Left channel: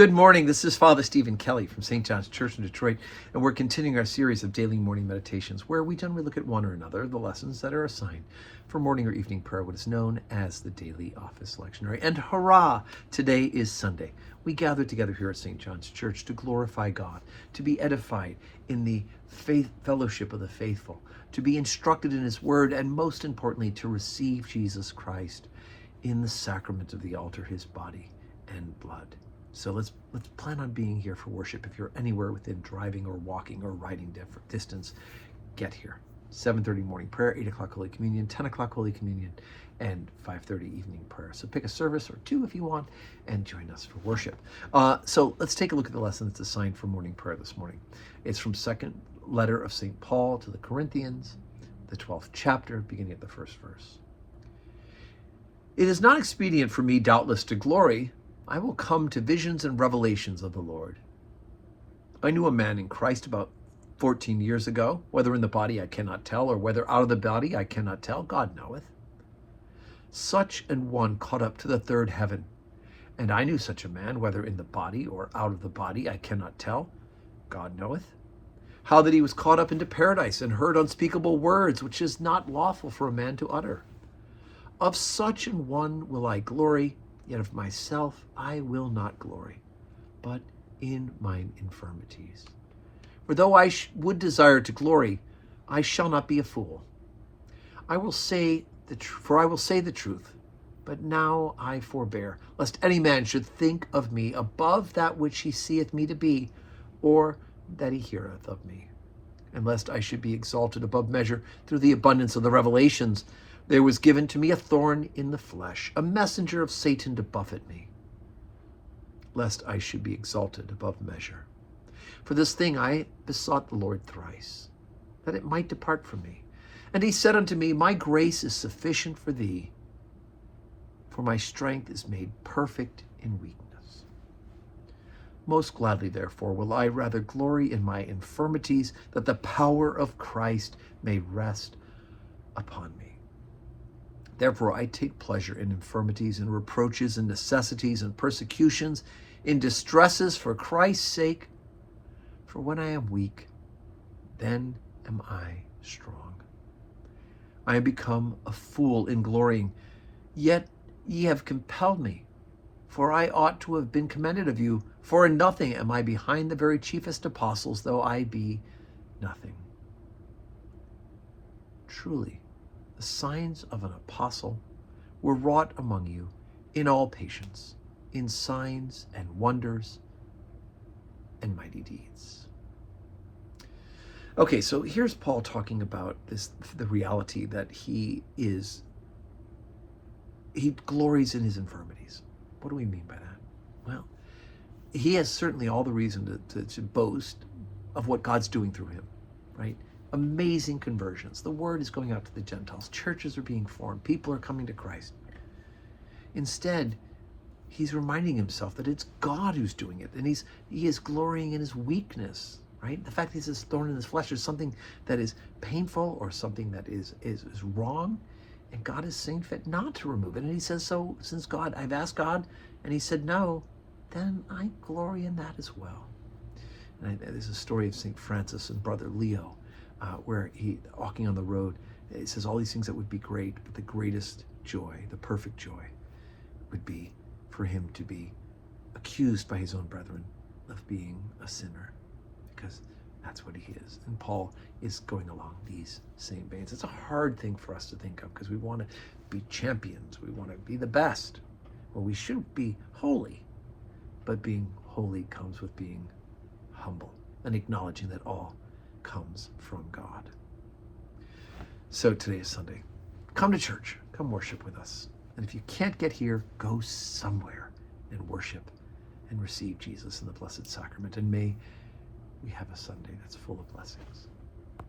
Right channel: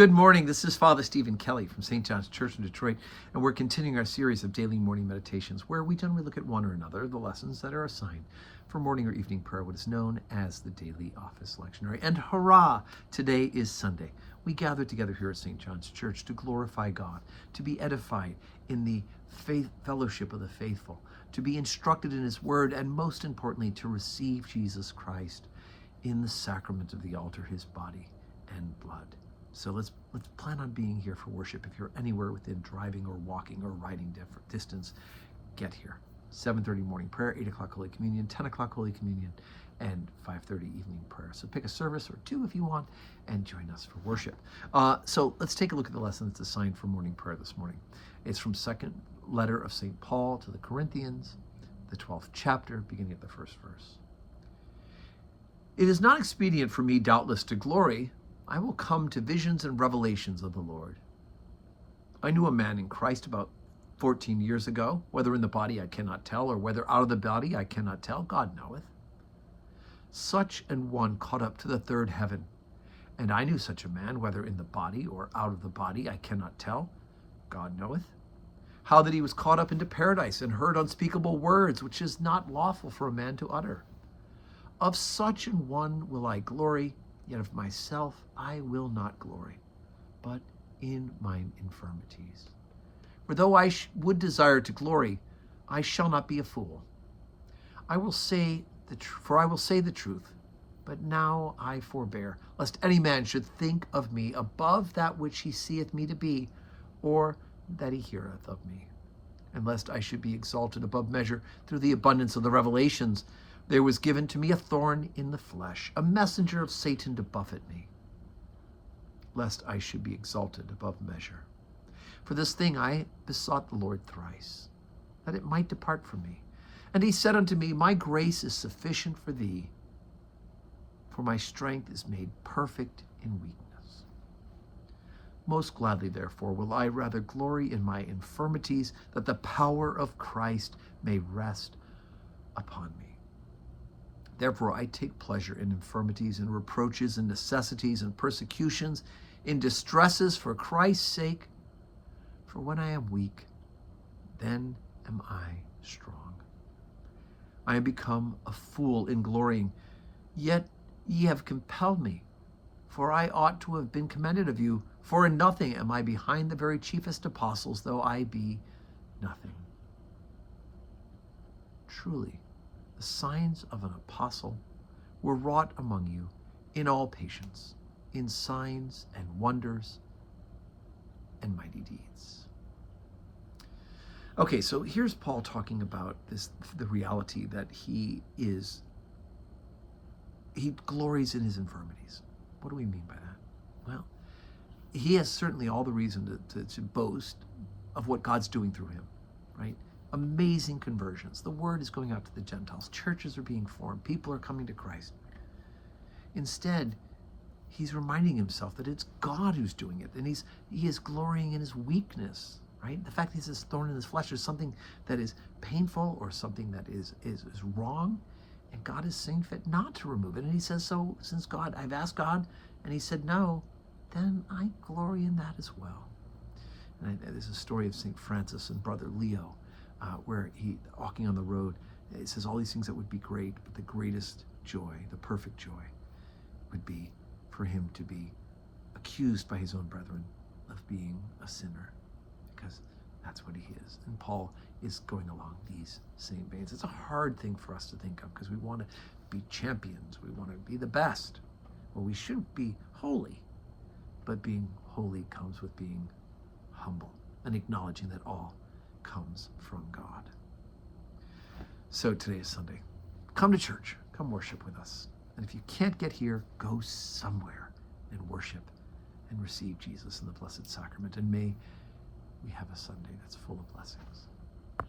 Good morning. This is Father Stephen Kelly from St. John's Church in Detroit, and we're continuing our series of daily morning meditations where we generally look at one or another of the lessons that are assigned for morning or evening prayer, what is known as the daily office lectionary. And hurrah! Today is Sunday. We gather together here at St. John's Church to glorify God, to be edified in the faith fellowship of the faithful, to be instructed in His Word, and most importantly, to receive Jesus Christ in the sacrament of the altar, His body and blood. So let's plan on being here for worship. If you're anywhere within driving or walking or riding distance, get here. 7:30 morning prayer, 8 o'clock Holy Communion, 10 o'clock Holy Communion, and 5:30 evening prayer. So pick a service or two if you want and join us for worship. So let's take a look at the lesson that's assigned for morning prayer this morning. It's from second letter of St. Paul to the Corinthians, the 12th chapter, beginning at the first verse. It is not expedient for me, doubtless, to glory. I will come to visions and revelations of the Lord. I knew a man in Christ about 14 years ago, whether in the body I cannot tell, or whether out of the body I cannot tell, God knoweth. Such an one caught up to the third heaven. And I knew such a man, whether in the body or out of the body I cannot tell, God knoweth. How that he was caught up into paradise and heard unspeakable words, which is not lawful for a man to utter. Of such an one will I glory, yet of myself I will not glory, but in mine infirmities. For though I would desire to glory, I shall not be a fool. I will say the truth, but now I forbear, lest any man should think of me above that which he seeth me to be, or that he heareth of me. And lest I should be exalted above measure through the abundance of the revelations, there was given to me a thorn in the flesh, a messenger of Satan to buffet me, lest I should be exalted above measure. For this thing I besought the Lord thrice, that it might depart from me. And he said unto me, My grace is sufficient for thee, for my strength is made perfect in weakness. Most gladly, therefore, will I rather glory in my infirmities, that the power of Christ may rest upon me. Therefore, I take pleasure in infirmities and reproaches and necessities and persecutions, in distresses for Christ's sake. For when I am weak, then am I strong. I am become a fool in glorying, yet ye have compelled me. For I ought to have been commended of you, for in nothing am I behind the very chiefest apostles, though I be nothing. Truly, the signs of an apostle were wrought among you in all patience, in signs and wonders and mighty deeds. Okay, so here's Paul talking about the reality that he glories in his infirmities. What do we mean by that? Well, he has certainly all the reason to boast of what God's doing through him, right? Amazing conversions. The word is going out to the Gentiles. Churches are being formed. People are coming to Christ. Instead, he's reminding himself that it's God who's doing it, and he is glorying in his weakness, right? The fact that he says thorn in his flesh is something that is painful or something that is wrong, and God is seeing fit not to remove it. And he says, so since I've asked God, and he said no, then I glory in that as well. And there's a story of St. Francis and Brother Leo, where he, walking on the road, it says all these things that would be great, but the greatest joy, the perfect joy, would be for him to be accused by his own brethren of being a sinner, because that's what he is. And Paul is going along these same veins. It's a hard thing for us to think of, because we want to be champions. We want to be the best. Well, we should be holy, but being holy comes with being humble and acknowledging that all comes from God. So today is Sunday. Come to church. Come worship with us. And if you can't get here, go somewhere and worship and receive Jesus in the Blessed Sacrament. And may we have a Sunday that's full of blessings.